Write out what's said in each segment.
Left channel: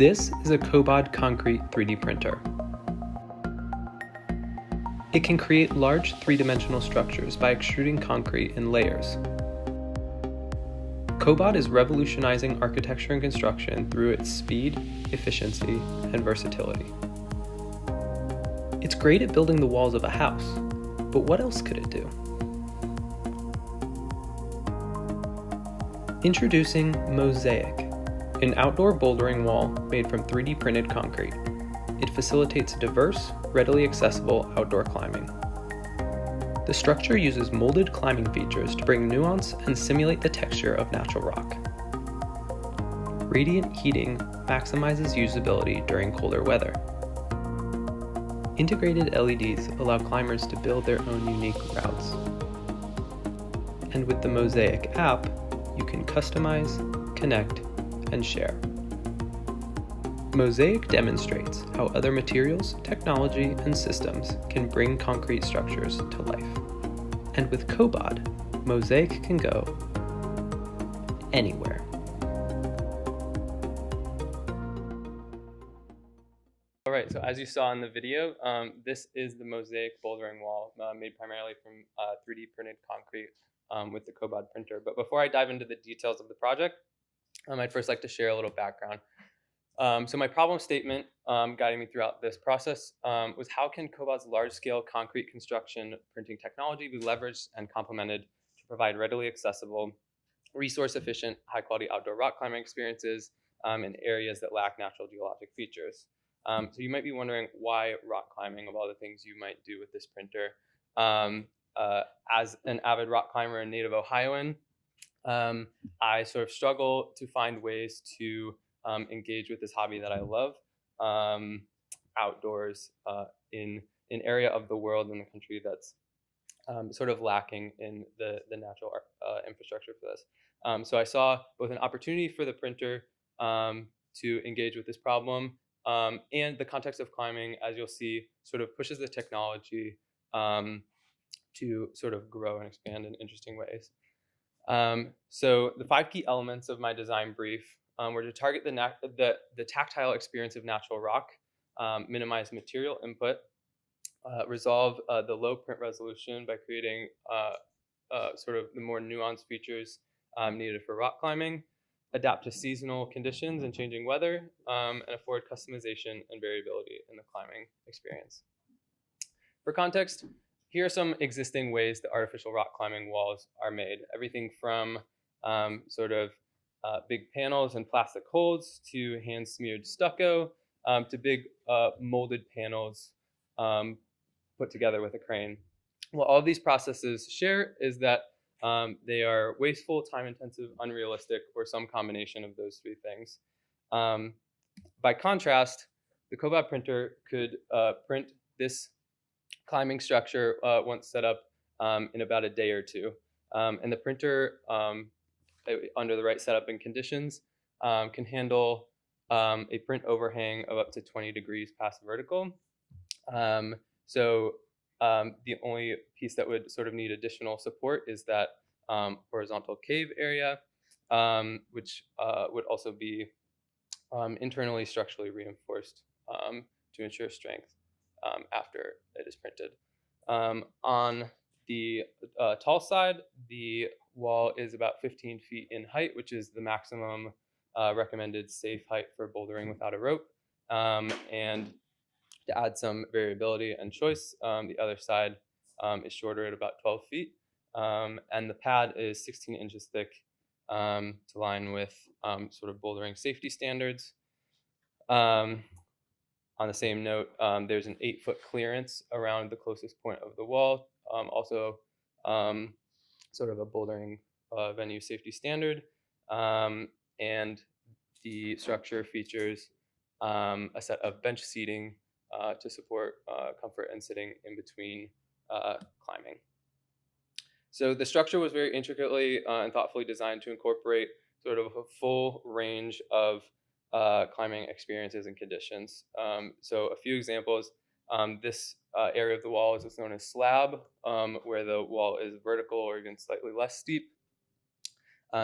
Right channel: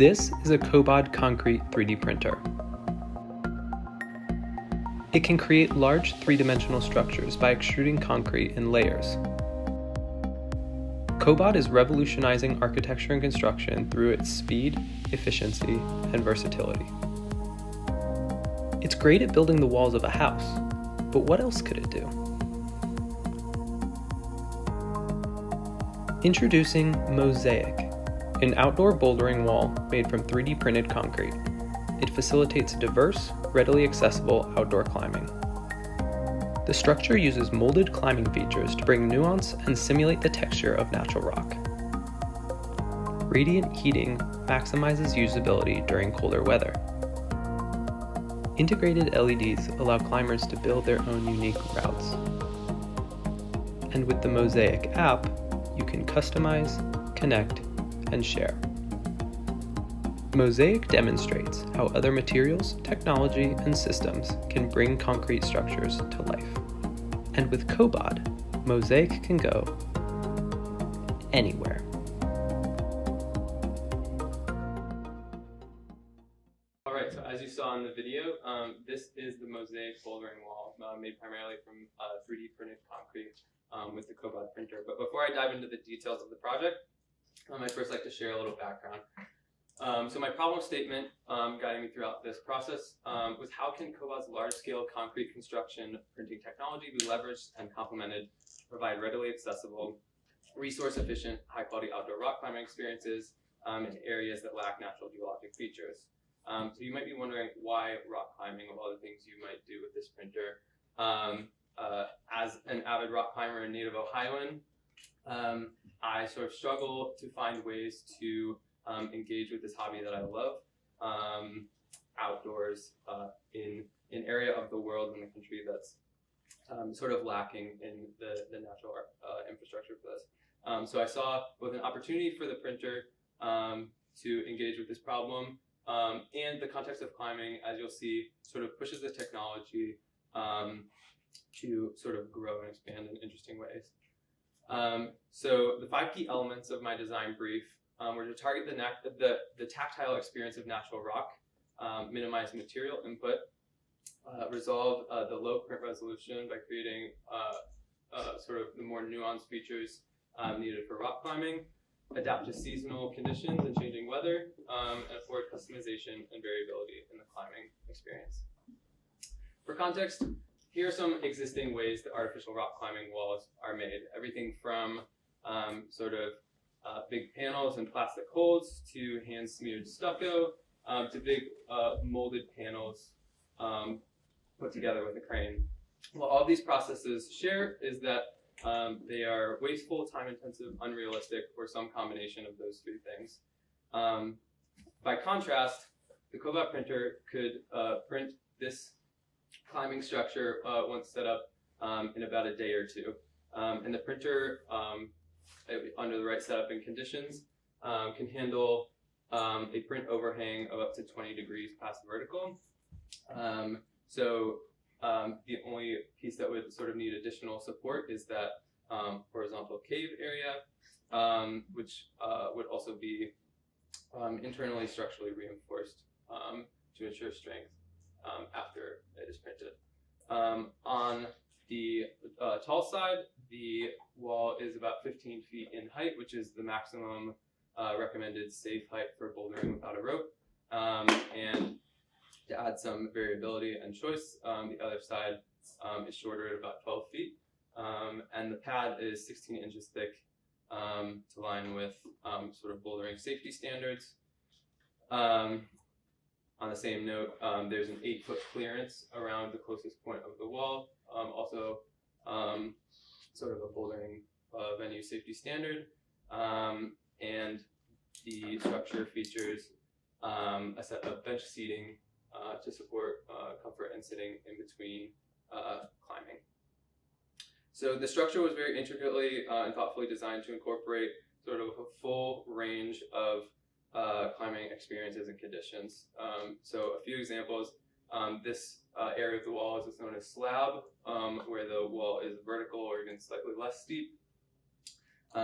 This is a Cobod concrete 3D printer. It can create large three-dimensional structures by extruding concrete in layers. Cobod is revolutionizing architecture and construction through its speed, efficiency, and versatility. It's great at building the walls of a house, but what else could it do? Introducing Mosaic, an outdoor bouldering wall made from 3D printed concrete. It facilitates diverse, readily accessible outdoor climbing. The structure uses molded climbing features to bring nuance and simulate the texture of natural rock. Radiant heating maximizes usability during colder weather. Integrated LEDs allow climbers to build their own unique routes. And with the Mosaic app, you can customize, connect, and share. Mosaic demonstrates how other materials, technology, and systems can bring concrete structures to life. And with Cobod, Mosaic can go anywhere. All right, so as you saw in the video, this is the Mosaic Bouldering Wall made primarily from 3D printed concrete with the Cobod printer. But before I dive into the details of the project, I'd first like to share a little background. So my problem statement guiding me throughout this process was how can Cobod's large-scale concrete construction printing technology be leveraged and complemented to provide readily accessible, resource-efficient, high-quality outdoor rock climbing experiences in areas that lack natural geologic features. So you might be wondering why rock climbing of all the things you might do with this printer. As an avid rock climber and native Ohioan, I sort of struggle to find ways to engage with this hobby that I love outdoors in an area of the world and the country that's sort of lacking in the natural infrastructure for this. So I saw both an opportunity for the printer to engage with this problem and the context of climbing, as you'll see, sort of pushes the technology to sort of grow and expand in interesting ways. So the 5 key elements of my design brief were to target the tactile experience of natural rock, minimize material input, resolve the low print resolution by creating sort of the more nuanced features needed for rock climbing, adapt to seasonal conditions and changing weather, and afford customization and variability in the climbing experience. For context, here are some existing ways that artificial rock climbing walls are made. Everything from sort of big panels and plastic holds to hand-smeared stucco to big molded panels put together with a crane. What all these processes share is that they are wasteful, time-intensive, unrealistic, or some combination of those 3 things. By contrast, the Cobod printer could print this climbing structure once set up in about a day or 2. And the printer, under the right setup and conditions, can handle a print overhang of up to 20 degrees past vertical. So the only piece that would sort of need additional support is that horizontal cave area, which would also be internally structurally reinforced to ensure strength after it is printed. On the tall side, the wall is about 15 feet in height, which is the maximum recommended safe height for bouldering without a rope. And to add some variability and choice, the other side is shorter at about 12 feet. And the pad is 16 inches thick to line with sort of bouldering safety standards. On the same note, there's an 8-foot clearance around the closest point of the wall, also sort of a bouldering venue safety standard. And the structure features a set of bench seating to support comfort and sitting in between climbing. So the structure was very intricately and thoughtfully designed to incorporate sort of a full range of climbing experiences and conditions. So a few examples, this area of the wall is what's known as slab, where the wall is vertical or even slightly less steep.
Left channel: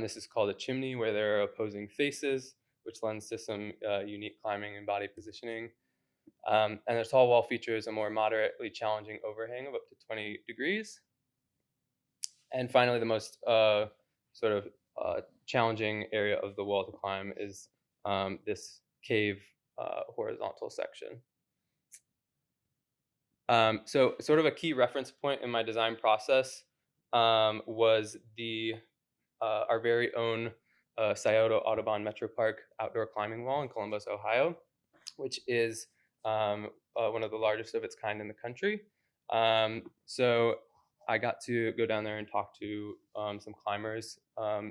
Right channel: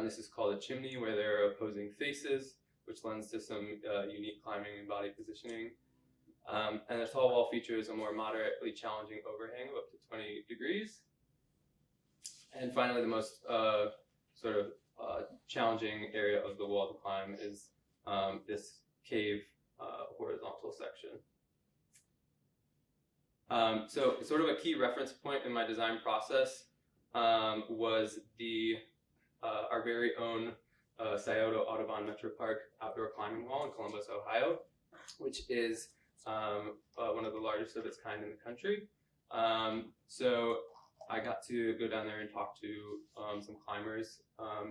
This is called a chimney, where there are opposing faces, which lends to some unique climbing and body positioning. And the tall wall features a more moderately challenging overhang of up to 20 degrees. And finally, the most sort of challenging area of the wall to climb is this cave horizontal section. So sort of a key reference point in my design process was our very own Scioto Audubon Metro Park outdoor climbing wall in Columbus, Ohio, which is one of the largest of its kind in the country. So I got to go down there and talk to some climbers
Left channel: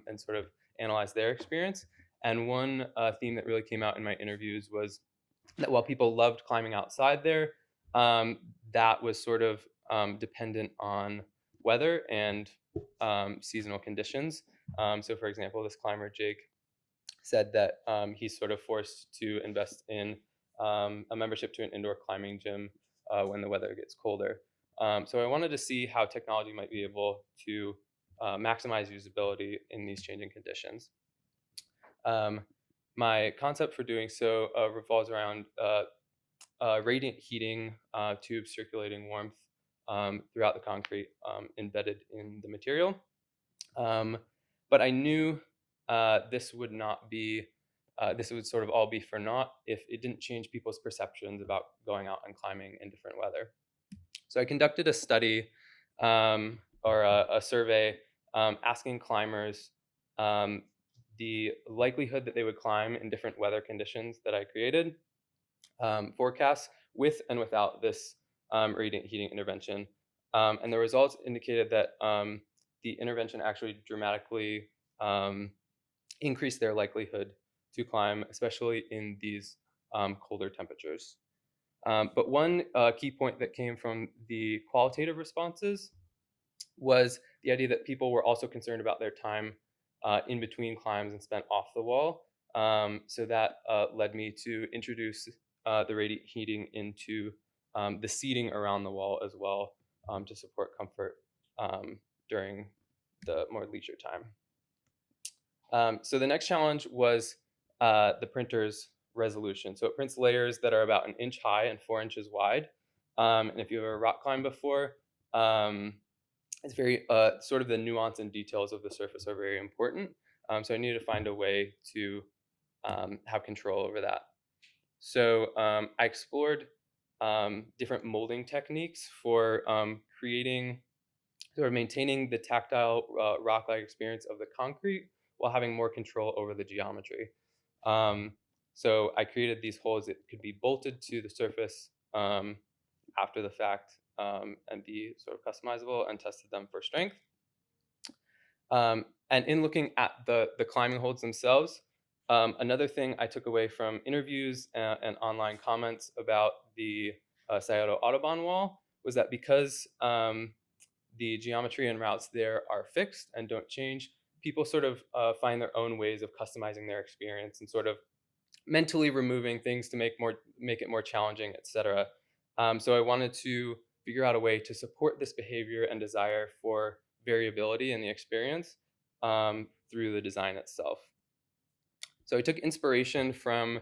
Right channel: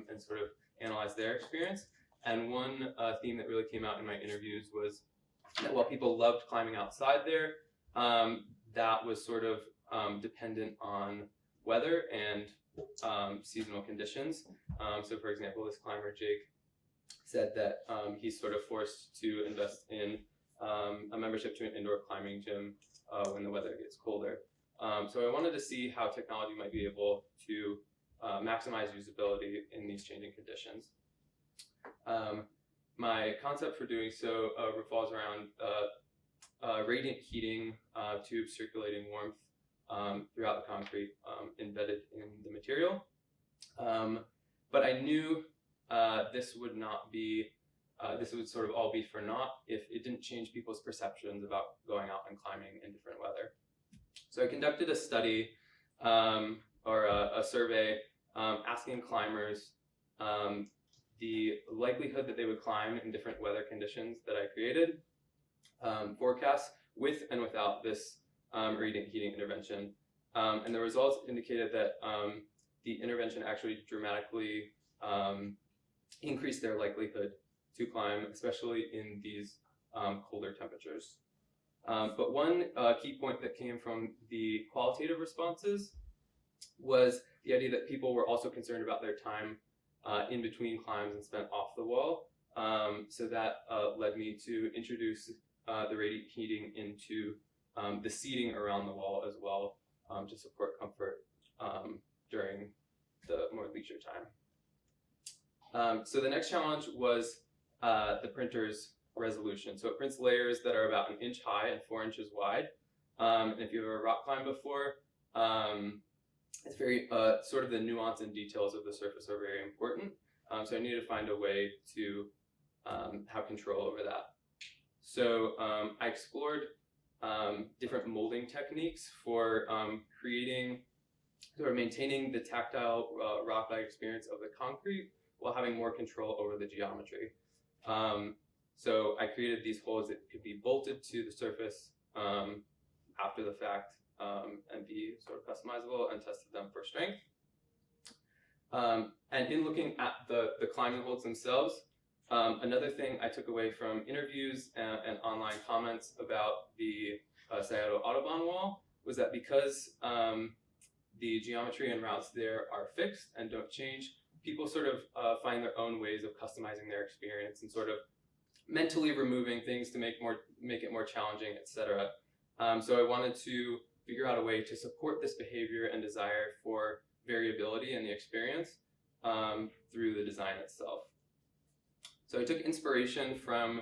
and sort of analyze their experience. And one theme that really came out in my interviews was that while people loved climbing outside there, that was sort of dependent on weather and seasonal conditions. So for example, this climber, Jake, said that he's sort of forced to invest in a membership to an indoor climbing gym when the weather gets colder. So I wanted to see how technology might be able to maximize usability in these changing conditions. My concept for doing so revolves around radiant heating tubes circulating warmth throughout the concrete embedded in the material. But I knew this would not be, this would sort of all be for naught if it didn't change people's perceptions about going out and climbing in different weather. So I conducted a study or a survey asking climbers the likelihood that they would climb in different weather conditions that I created, forecasts with and without this radiant heating intervention. And the results indicated that the intervention actually dramatically increased their likelihood to climb, especially in these colder temperatures. But one key point that came from the qualitative responses was the idea that people were also concerned about their time in between climbs and spent off the wall. So that led me to introduce the radiant heating into the seating around the wall as well to support comfort during the more leisure time. So the next challenge was the printer's resolution. So it prints layers that are about 1 inch high and 4 inches wide. And if you've ever rock climbed before, it's very sort of the nuance and details of the surface are very important. So I needed to find a way to have control over that. So I explored different molding techniques for creating or maintaining the tactile rock-like experience of the concrete while having more control over the geometry. So I created these holes that could be bolted to the surface after the fact and be sort of customizable, and tested them for strength. And in looking at the climbing holds themselves, another thing I took away from interviews and online comments about the Scioto Audubon wall was that because the geometry and routes there are fixed and don't change, people sort of find their own ways of customizing their experience and sort of mentally removing things to make it more challenging, etc. So I wanted to figure out a way to support this behavior and desire for variability in the experience through the design itself. So I took inspiration from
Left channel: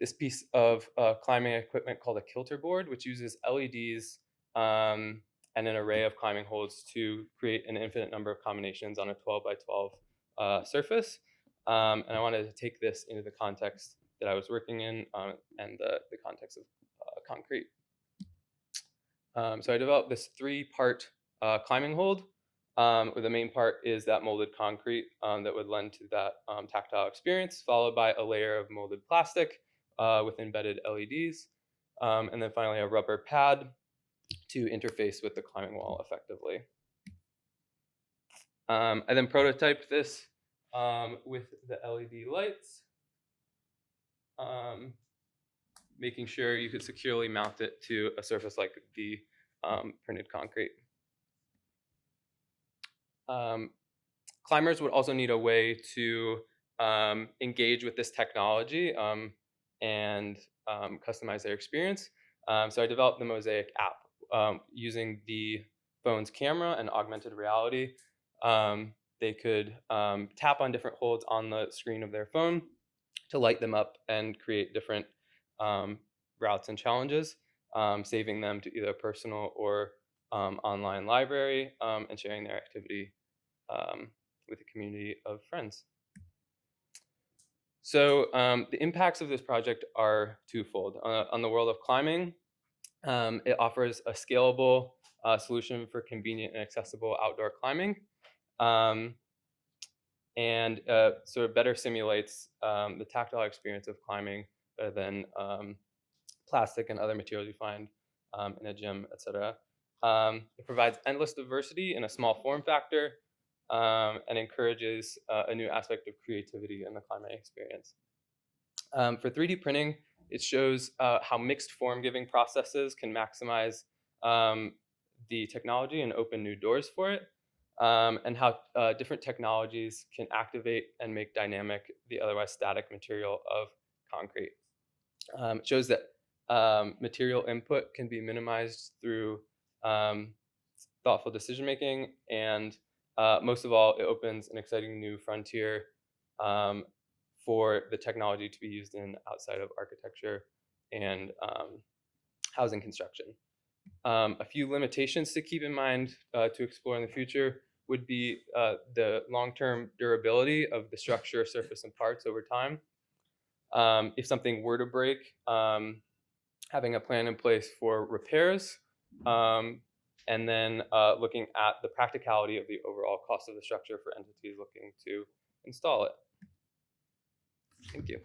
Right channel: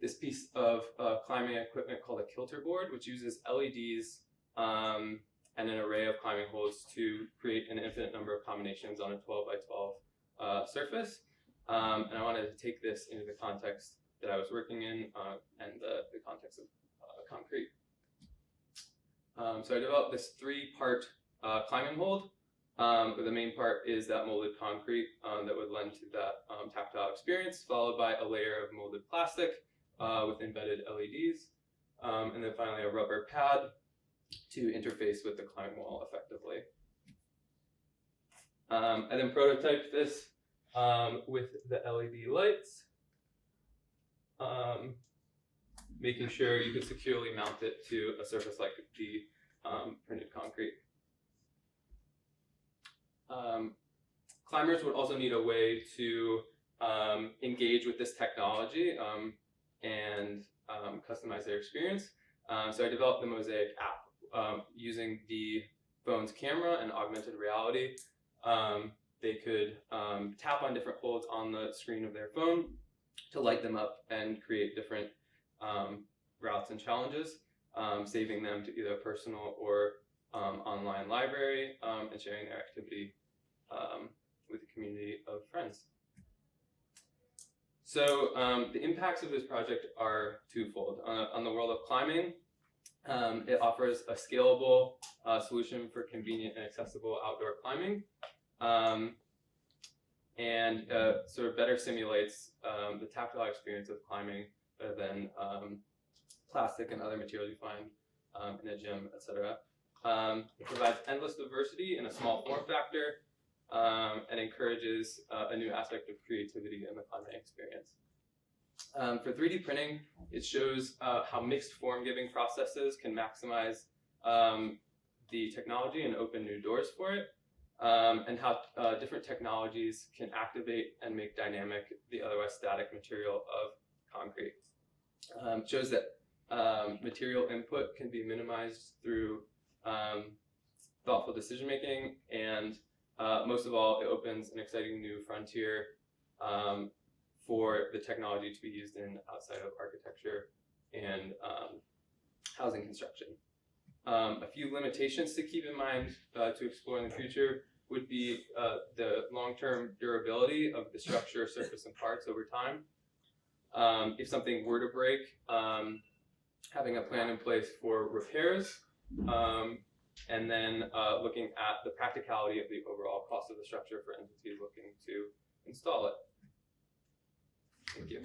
this piece of climbing equipment called a kilter board, which uses LEDs and an array of climbing holes to create an infinite number of combinations on a 12 by 12 surface. And I wanted to take this into the context that I was working in and the context of concrete. So I developed this 3-part climbing hold. Where the main part is that molded concrete that would lend to that tactile experience, followed by a layer of molded plastic with embedded LEDs, and then finally a rubber pad to interface with the climbing wall effectively. I then prototyped this with the LED lights, making sure you could securely mount it to a surface like the printed concrete. Climbers would also need a way to engage with this technology and customize their experience. So I developed the Mosaic app using the phone's camera and augmented reality. They could tap on different holds on the screen of their phone to light them up and create different routes and challenges, saving them to either a personal or online library, and sharing their activity with a community of friends. So the impacts of this project are twofold. On the world of climbing, it offers a scalable solution for convenient and accessible outdoor climbing, and sort of better simulates the tactile experience of climbing rather than plastic and other materials you find in a gym, etc. It provides endless diversity in a small form factor, and encourages a new aspect of creativity in the climbing experience. For 3D printing, it shows how mixed form-giving processes can maximize the technology and open new doors for it, and how different technologies can activate and make dynamic the otherwise static material of concrete. It shows that material input can be minimized through thoughtful decision-making, and most of all, it opens an exciting new frontier for the technology to be used in outside of architecture and housing construction. A few limitations to keep in mind to explore in the future would be the long-term durability of the structure, surface, and parts over time. If something were to break, having a plan in place for repairs, and then looking at the practicality of the overall cost of the structure for entities looking to install it. Thank you.